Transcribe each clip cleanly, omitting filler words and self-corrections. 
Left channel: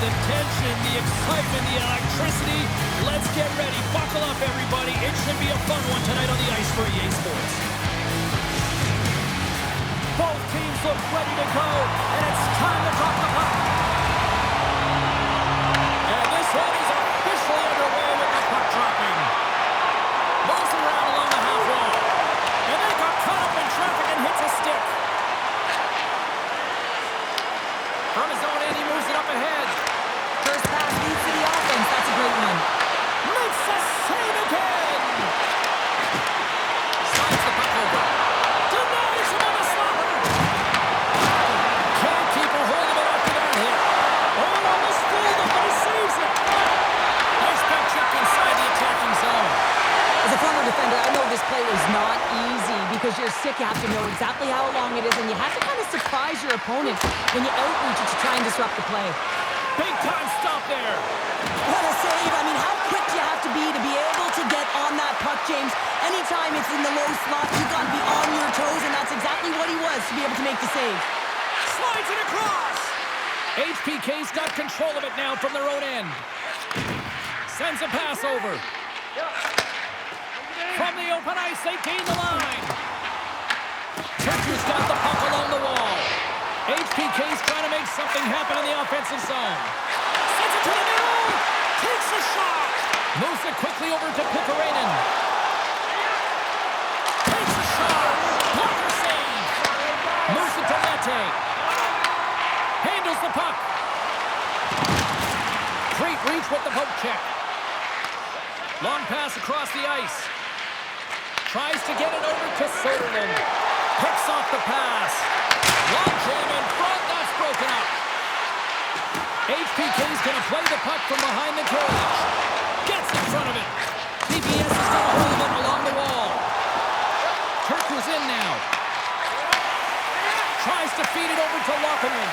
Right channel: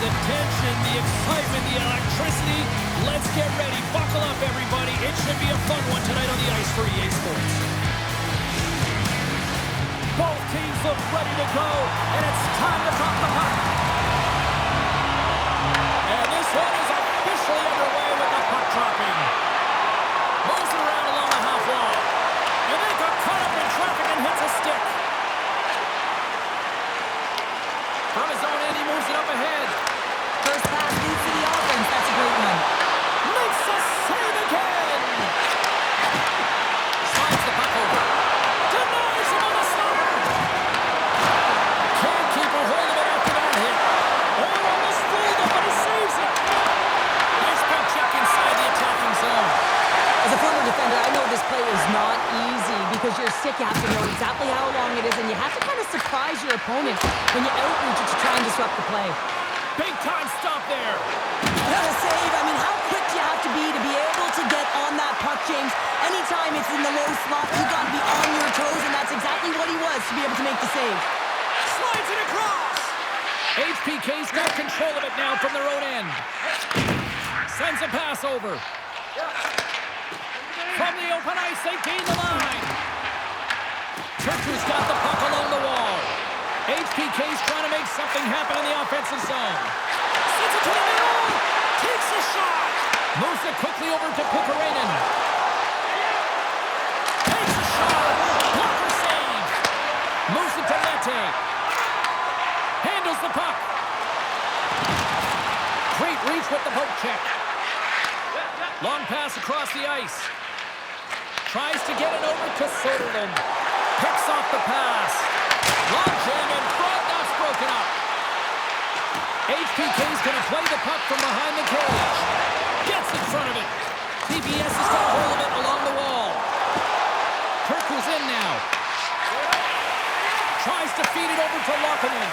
the tension, the excitement, the electricity. Let's get ready. Buckle up, everybody. It should be a fun one tonight on the ice for EA Sports. Both teams look ready to go, and it's time to drop the puck. And this one is officially underway with the puck dropping. Moves it around along the half wall. And then got caught up in traffic and hits a stick. From his own end, he moves it up ahead. First pass leads to the offense. That's a great one. Makes a save again. Slides the puck over. Denies him on the slobber. Can't keep a hold of it after that hit. Oh, almost fooled him, but he saves it. Nice puck check inside the attacking zone. As a former defender, I know this play is not easy because you're sick. You have to know exactly how long it is, and you have to kind of surprise your opponent when you outreach it to try and disrupt the play. Big time stop there. What a save. I mean, how quick do you have to be able to get on that puck, James? Anytime it's in the low slot, you've got to be on your toes, and that's exactly what he was to be able to make the save. Slides it across. HPK's got control of it now from their own end. Sends a pass over. From the open ice, they gain the line. Turku's got the puck along the wall. HPK's trying to make something happen in the offensive zone. Sends it to the middle. Takes a shot. Moves it quickly over to Pikkarainen. Takes a shot. Blocker save. Moves it to Mete. Handles the puck. Great reach with the poke check. Long pass across the ice. Tries to get it over to Soderlund. Picks off the pass. Long jam in front. That's broken up. HPK's going to play the puck from behind the cage. Gets in front of it. TPS has got a hold of it along the wall. Turku's in now. Tries to feed it over to Laukkanen.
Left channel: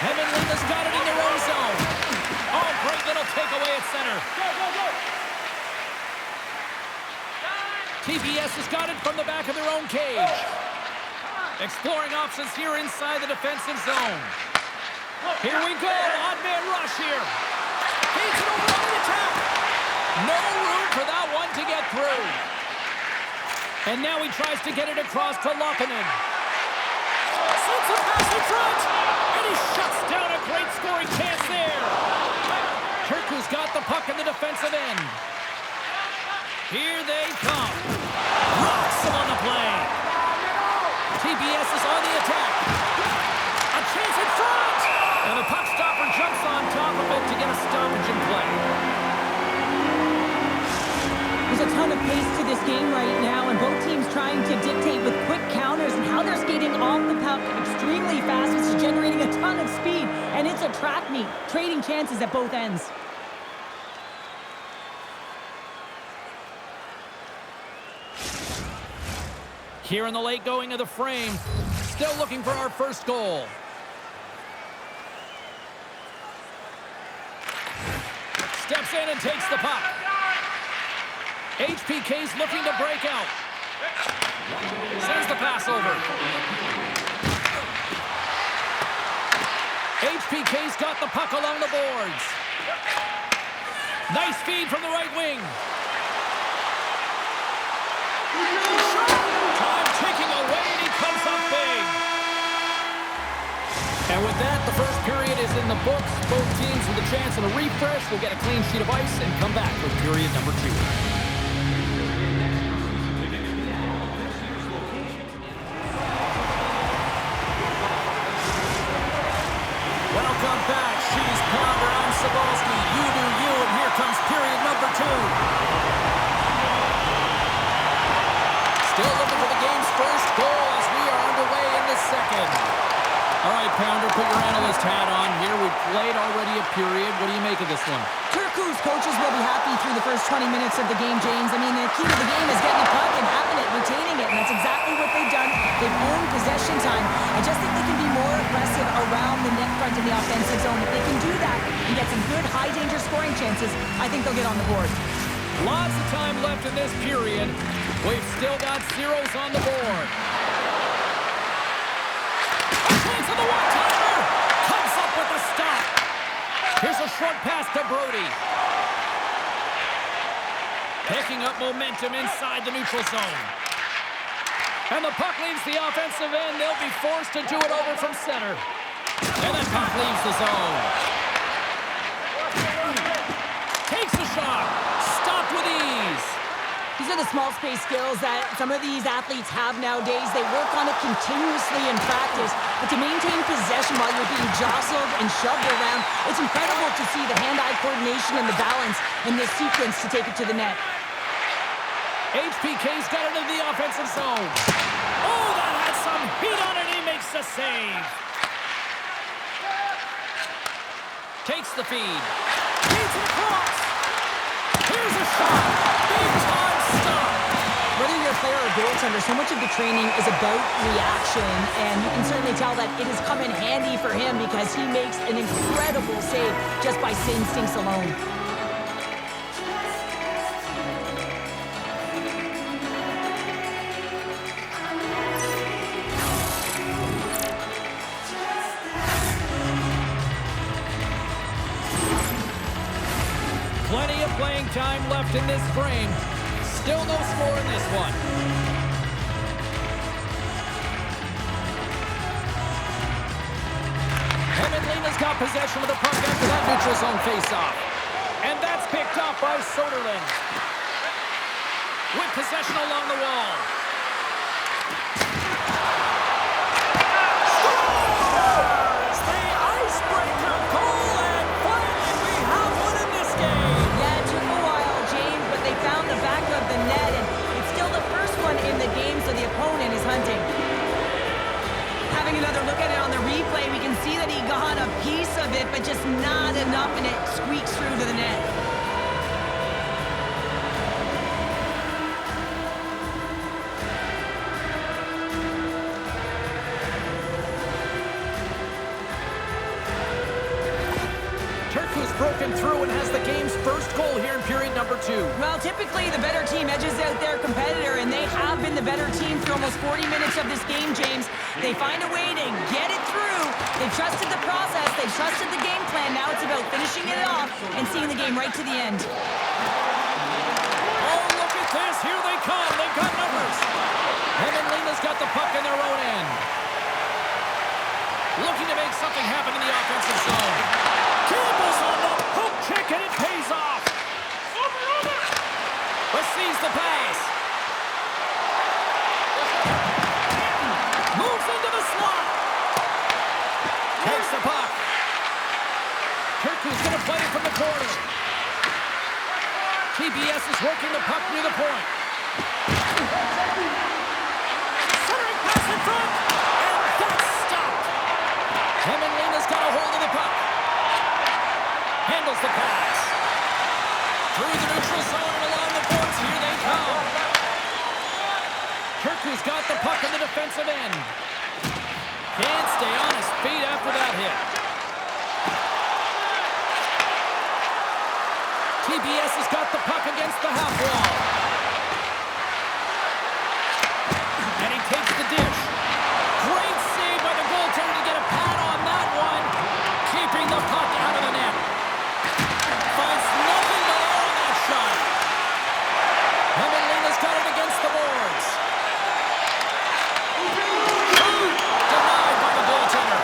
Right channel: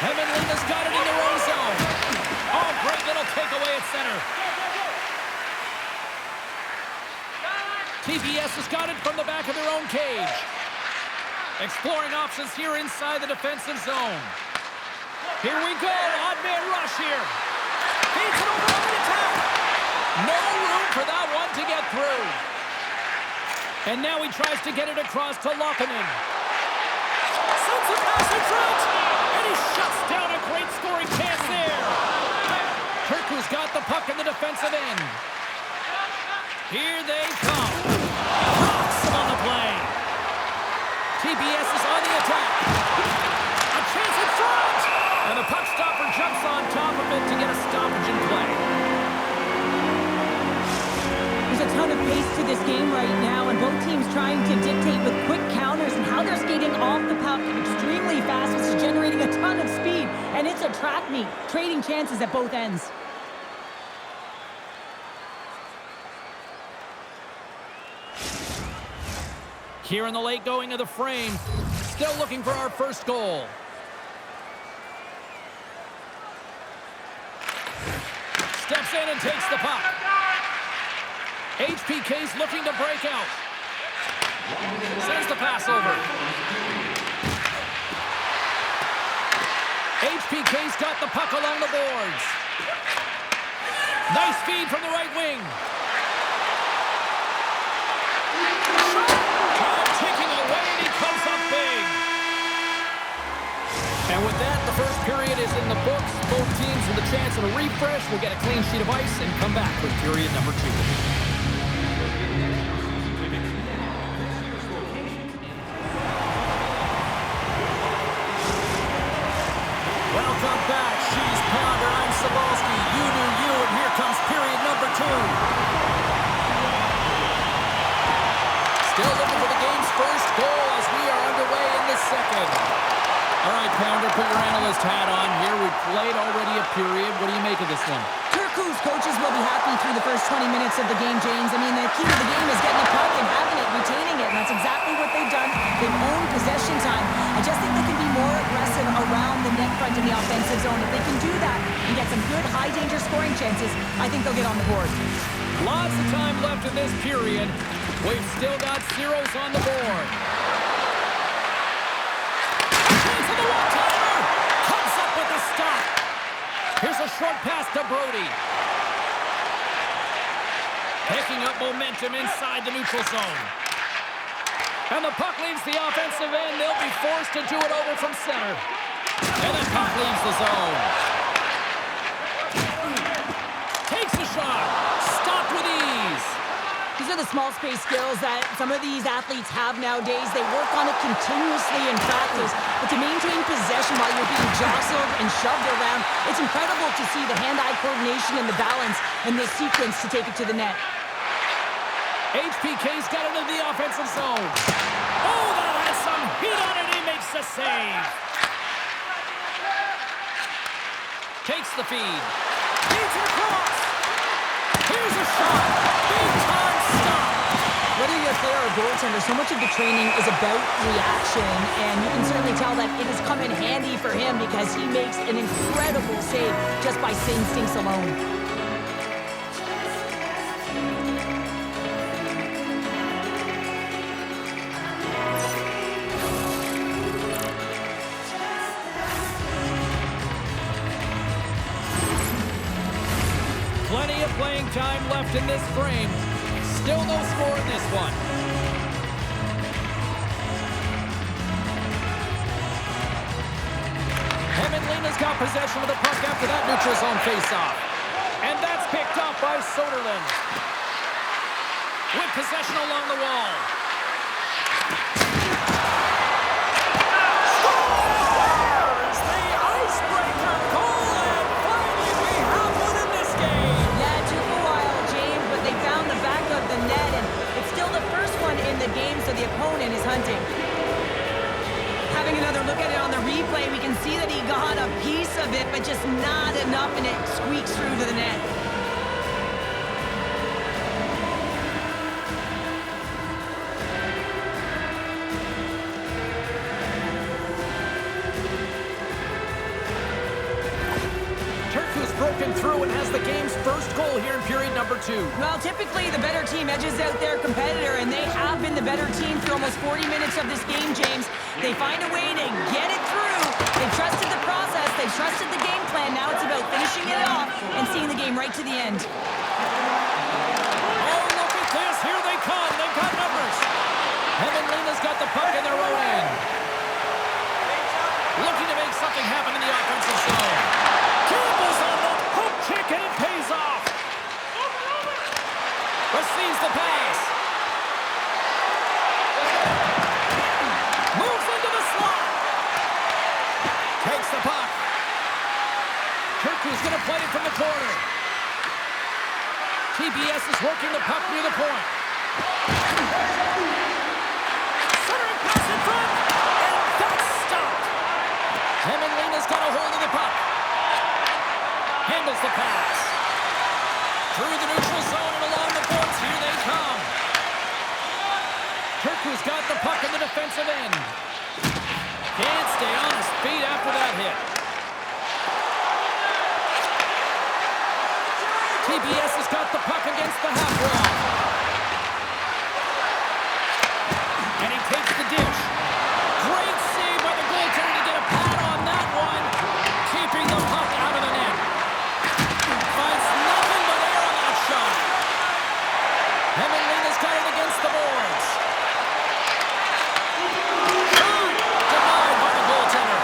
Hämeenlinna's got it in their own zone. Oh, great little takeaway at center. TPS has got it from the back of their own cage. Exploring options here inside the defensive zone. Here we go. Odd man rush here. Feeds it over on the attack. No room for that one to get through. And now he tries to get it across to Laukkanen. Sends a pass in front. And he shuts down a great scoring chance there. Turku's got the puck in the defensive end. Here they come. Rocks him on the play. TPS is on the attack. A chance in front. And the puck stopper jumps on top of it to get a stoppage in play. There's a ton of pace to this game right now, and both teams trying to dictate with quick counters and how they're skating off the puck extremely fast, which is generating a ton of speed. And it's a track meet, trading chances at both ends. Here in the late going of the frame, still looking for our first goal. Steps in and takes the puck. HPK's looking to break out. Sends the pass over. HPK's got the puck along the boards. Nice feed from the right wing. Time ticking away, and he comes up big. And with that, the first period is in the books. Both teams with a chance at a refresh will get a clean sheet of ice and come back with period number 2. Welcome back. She's Pounder. I'm Sabalski. You do you, and here comes period number 2. Still looking for the game's first goal as we are underway in the second. All right, Pounder, put your analyst hat on here. We've played already a period. What do you make of this one? Turku's coaches will be happy through the first 20 minutes of the game, James. I mean, the key to the game is getting the puck and having it, retaining it, and that's exactly what they've done. They've owned possession time. I just think they can be more aggressive around the net front in the offensive zone. If they can do that and get some good high-danger scoring chances, I think they'll get on the board. Lots of time left in this period. We've still got zeros on the board. A chance of the one-timer! Comes stop. Here's a short pass to Brody. Picking up momentum inside the neutral zone. And the puck leaves the offensive end. They'll be forced to do it over from center. And the puck leaves the zone. Takes a shot. Stopped with ease. These are the small space skills that some of these athletes have nowadays. They work on it continuously in practice. But to maintain possession while you're being jostled and shoved around, it's incredible to see the hand-eye coordination and the balance in this sequence to take it to the net. HPK's got it in the offensive zone. Oh, that has some heat on it. He makes the save. Takes the feed. Feeds it across. Here's a shot. Big time stop. Whether you're a player or a goaltender, so much of the training is about reaction, and you can certainly tell that it has come in handy for him because he makes an incredible save just by instincts alone. Plenty of playing time left in this frame. Still no score in this one. Hämeenlinna's got possession of the puck after that neutral zone face-off. And that's picked up by Soderlund. With possession along the wall. Scores! The icebreaker goal, and finally we have one in this game. Yeah, it took a while, James, but they found the back of the net, and it's still the first one in the game, so the opponent is hunting. Having another look at it on the replay, we can see that he got a piece of it, but just not enough, and it squeaks through to the net. Turku's broken through and has the game's first goal here in period number 2. Well, typically the better team edges out their competitor, and they have been the better team for almost 40 minutes of this game, James. They find a way to get it through. They've trusted the process. They've trusted the game plan. Now it's about finishing it off and seeing the game right to the end. Oh, look at this. Here they come. They've got numbers. Hämeenlinna's got the puck in their own end. Looking to make something happen in the offensive zone. Campbell's on the hook check, and it pays off. Receives the pass. Moves into the slot. Takes the puck. Turku's going to play it from the corner. TPS is working the puck near the point. Centering pass in front, and that's stopped. Hämeenlinna's got a hold of the puck. Handles the pass. Through the neutral zone and along the boards. Here they come. Turku's got the puck in the defensive end. Can't stay on his feet after that hit. TPS has got the puck against the half wall. And he takes the dish. Great save by the goaltender to get a pad on that one. Keeping the puck out of the net. Finds nothing but air on that shot. Hämeenlinna's got it against the boards. Shot! Denied by the goaltender.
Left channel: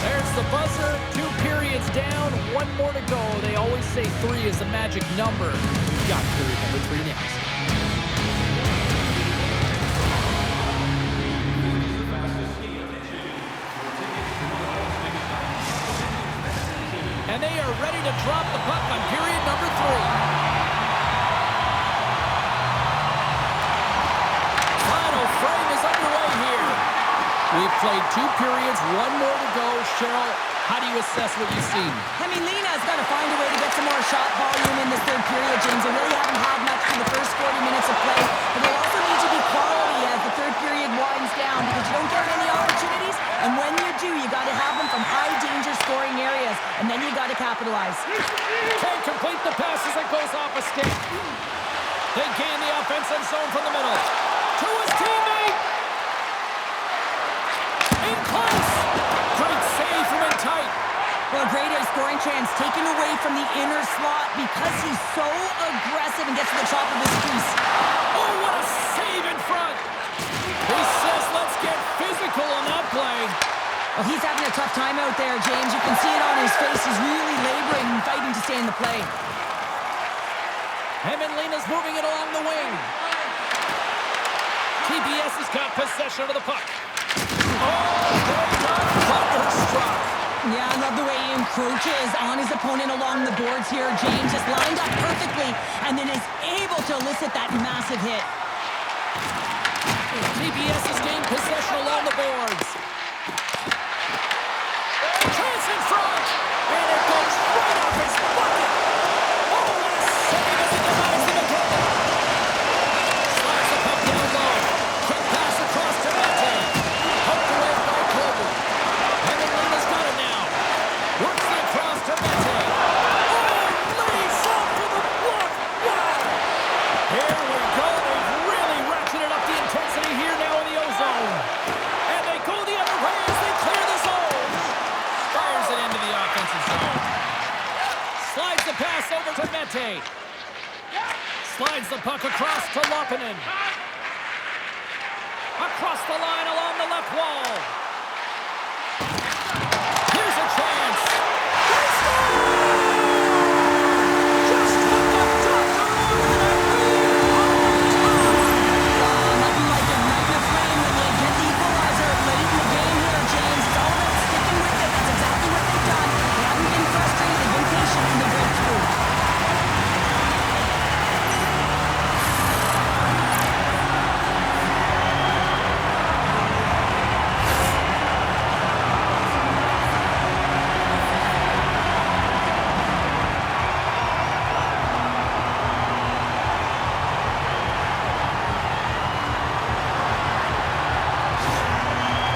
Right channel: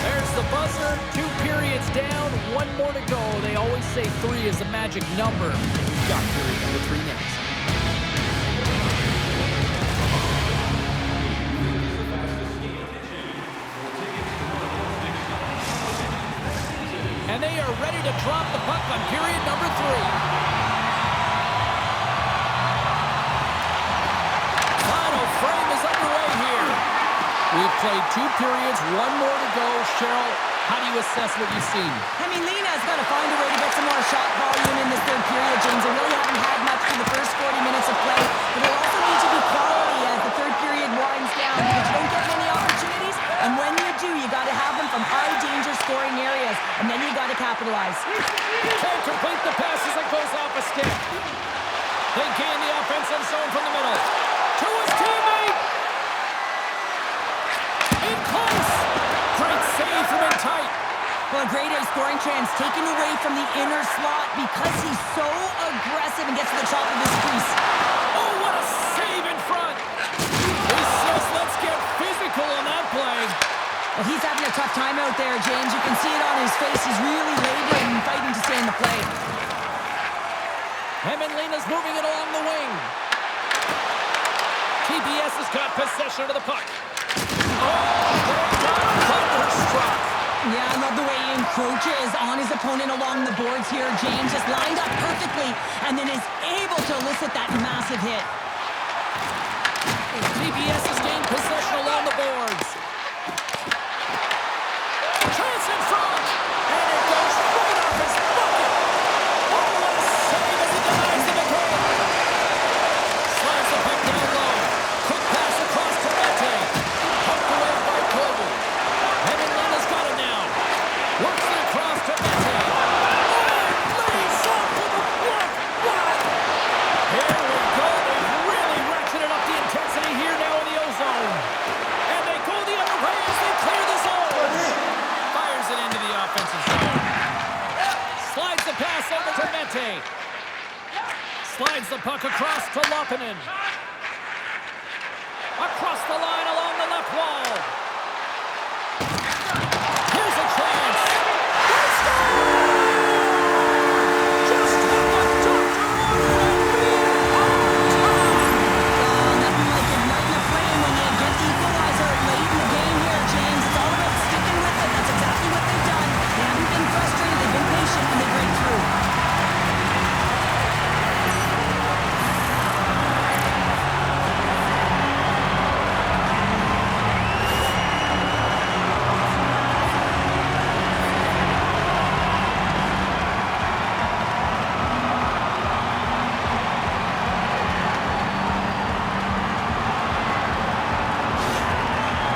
There's the buzzer. 2 periods down, 1 more to go. They always say 3 is the magic number. We've got period number 3 next. And they are ready to drop the puck on period number 3. Final frame is underway here. We've played 2 periods, 1 more to go. Cheryl, how do you assess what you've seen? Hämeenlinna's got to find a way to get some more shot volume in this 3rd period, James. They really haven't had much for the first 40 minutes of play, but there also needs to be quality as the 3rd period winds down because you don't get many opportunities, and when you do, you got to have them from high-danger scoring areas, and then you got to capitalize. Can't complete the pass as it goes off a stick. They gain the offensive zone from the middle. To his teammate. In close. Great save from in tight. Well, a great scoring chance taken away from the inner slot because he's so aggressive and gets to the top of his crease. Oh, what a save in front. He says, let's get physical on that play. Well, he's having a tough time out there, James. You can see it on his face. He's really laboring and fighting to stay in the play. Hämeenlinna's moving it along the wing. TPS has got possession of the puck. Oh, they got thunderstruck. Yeah, I love the way he encroaches on his opponent along the boards here. James just lined up perfectly and then is able to elicit that massive hit. TPS has gained possession along the boards. Chance in front, and it goes right off his bucket. Oh, what a save as he denies them again. Slides the puck down low. Quick pass across to Mete. Poked away by Kobe. Hämeenlinna's got it now. Works it across to Mete. Oh, lays up for the block. Wow. Here we go. They've really ratcheted up the intensity here now in the O-zone. And they go the other way as they clear the zone. Fires it into the offensive zone. Slides the pass over to Mete. Slides the puck across to Loppinen. Across the line along the left wall. Here's a chance. They score! Just what the doctor ordered and we're on time. Oh, nothing like igniting a flame when you get the equalizer late in the game here, James. It's all about sticking with it. That's exactly what they've done. They haven't been frustrated. They've been patient, and they break through.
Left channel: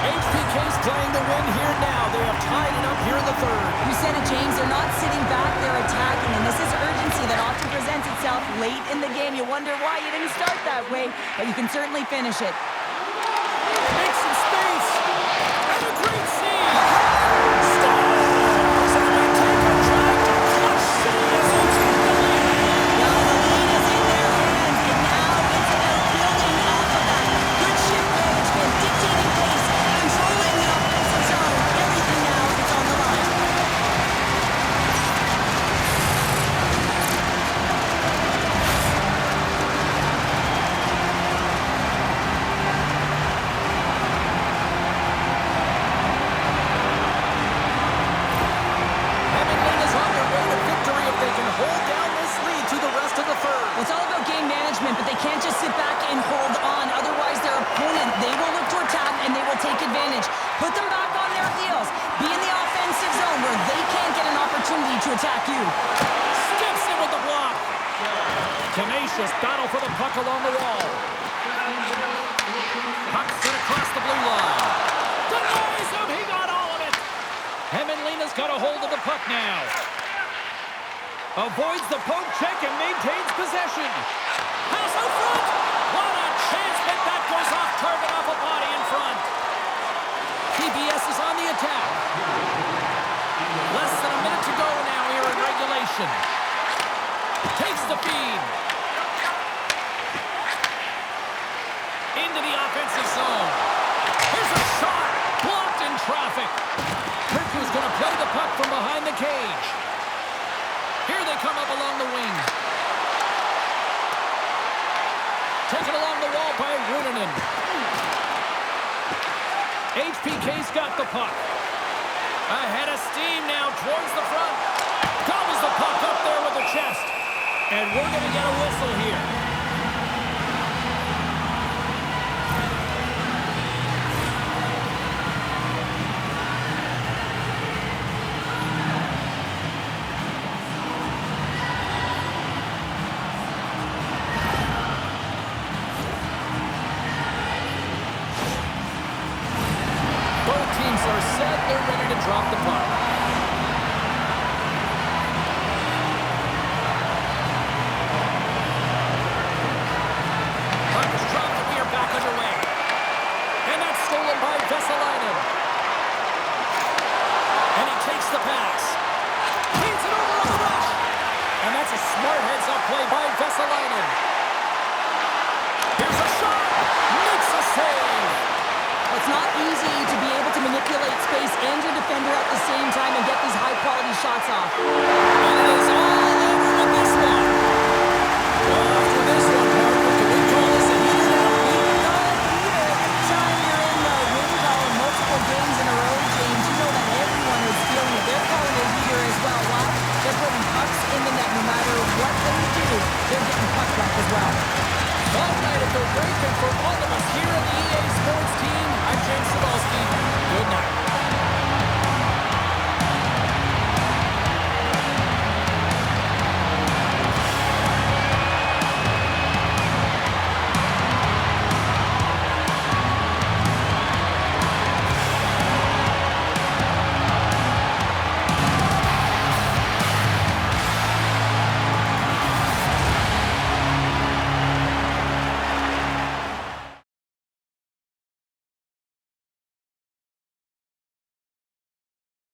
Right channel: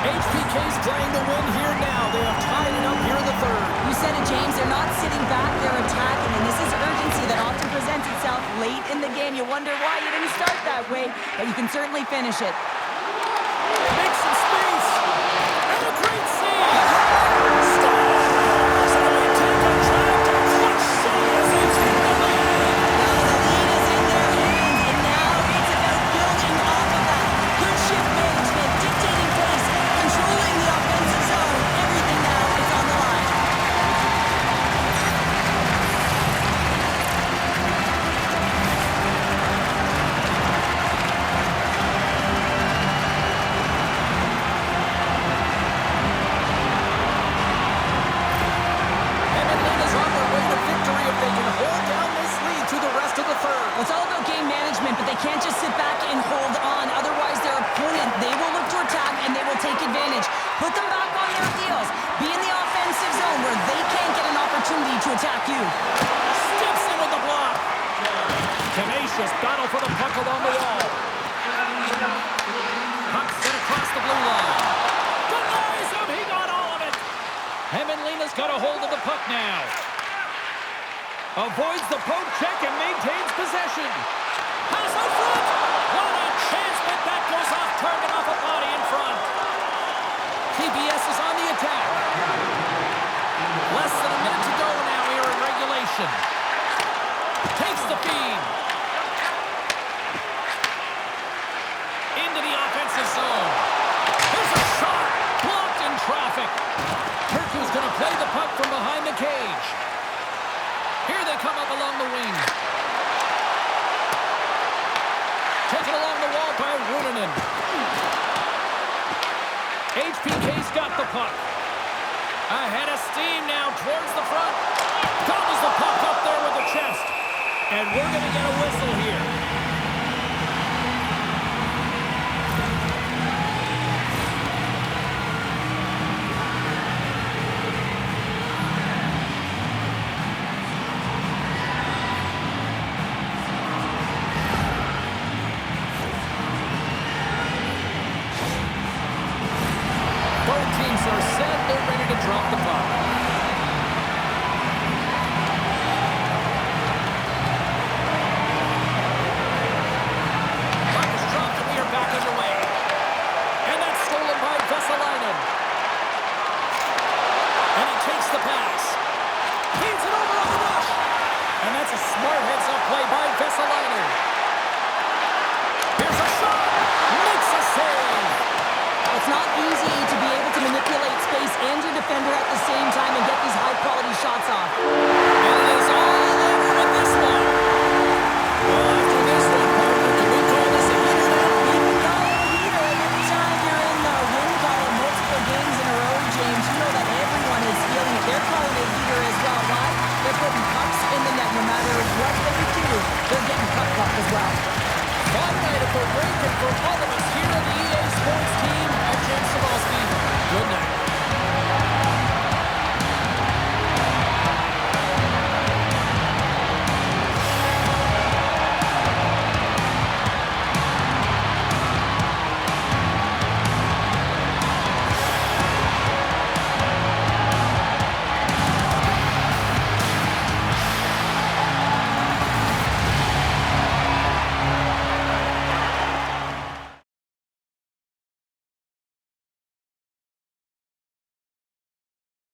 HPK's playing to win here now. They have tied it up here in the third. You said it, James. They're not sitting back. They're attacking, and this is urgency that often presents itself late in the game. You wonder why you didn't start that way, but you can certainly finish it. Make some space. And a great save. Scores! And they take a drive to Clutch City as they take the lead. Now the lead is in their hands, and now it's about building off of that. Good shift management, dictating pace, controlling the offensive zone. Everything now is on the line. Hämeenlinna's on their way to victory if they can hold down this lead through the rest of the third. Well, it's all about game management, but they can't just sit back and hold on. Otherwise, their opponent, they will look to attack, and they will take advantage. Put them back on their heels. Be in the offensive zone where they can't get an opportunity to attack you. Steps in with the block. Tenacious battle for the puck along the wall. Puck set across the blue line. Denies him. He got all of it. Hämeenlinna's got a hold of the puck now. Avoids the poke check and maintains possession. Pass out front. What a chance, but that goes off target off a body in front. TPS is on the attack. Less than a minute to go now here in regulation. Takes the feed. Into the offensive zone. Here's a shot. Blocked in traffic. Turku's going to play the puck from behind the cage. Here they come up along the wing. Taken along the wall by Ruunanen. HPK's got the puck. Ahead of steam now towards the front. Gobbles the puck up there with the chest. And we're going to get a whistle here. Both teams are set. They're ready to drop the puck. Puck is dropped and we are back underway. And that's stolen by Vesalainen. And he takes the pass. Feeds it over on the rush. And that's a smart heads-up play by Vesalainen. Here's a shot. Makes a save. It's not easy to be able to manipulate space and your defender at the same time and get these high-quality shots off. And it is all over with this one. Well, after this one, partner, can we call this a heater now? We can call it a heater, and every time you're in the win column multiple games in a row, James, you know that everyone is feeling it. They're calling it a heater as well. Why? They're putting pucks in the net. No matter what they do, they're getting puck luck as well. Fun night at the rink, and for all of us here on the EA Sports team, I'm James Cebulski. Good night.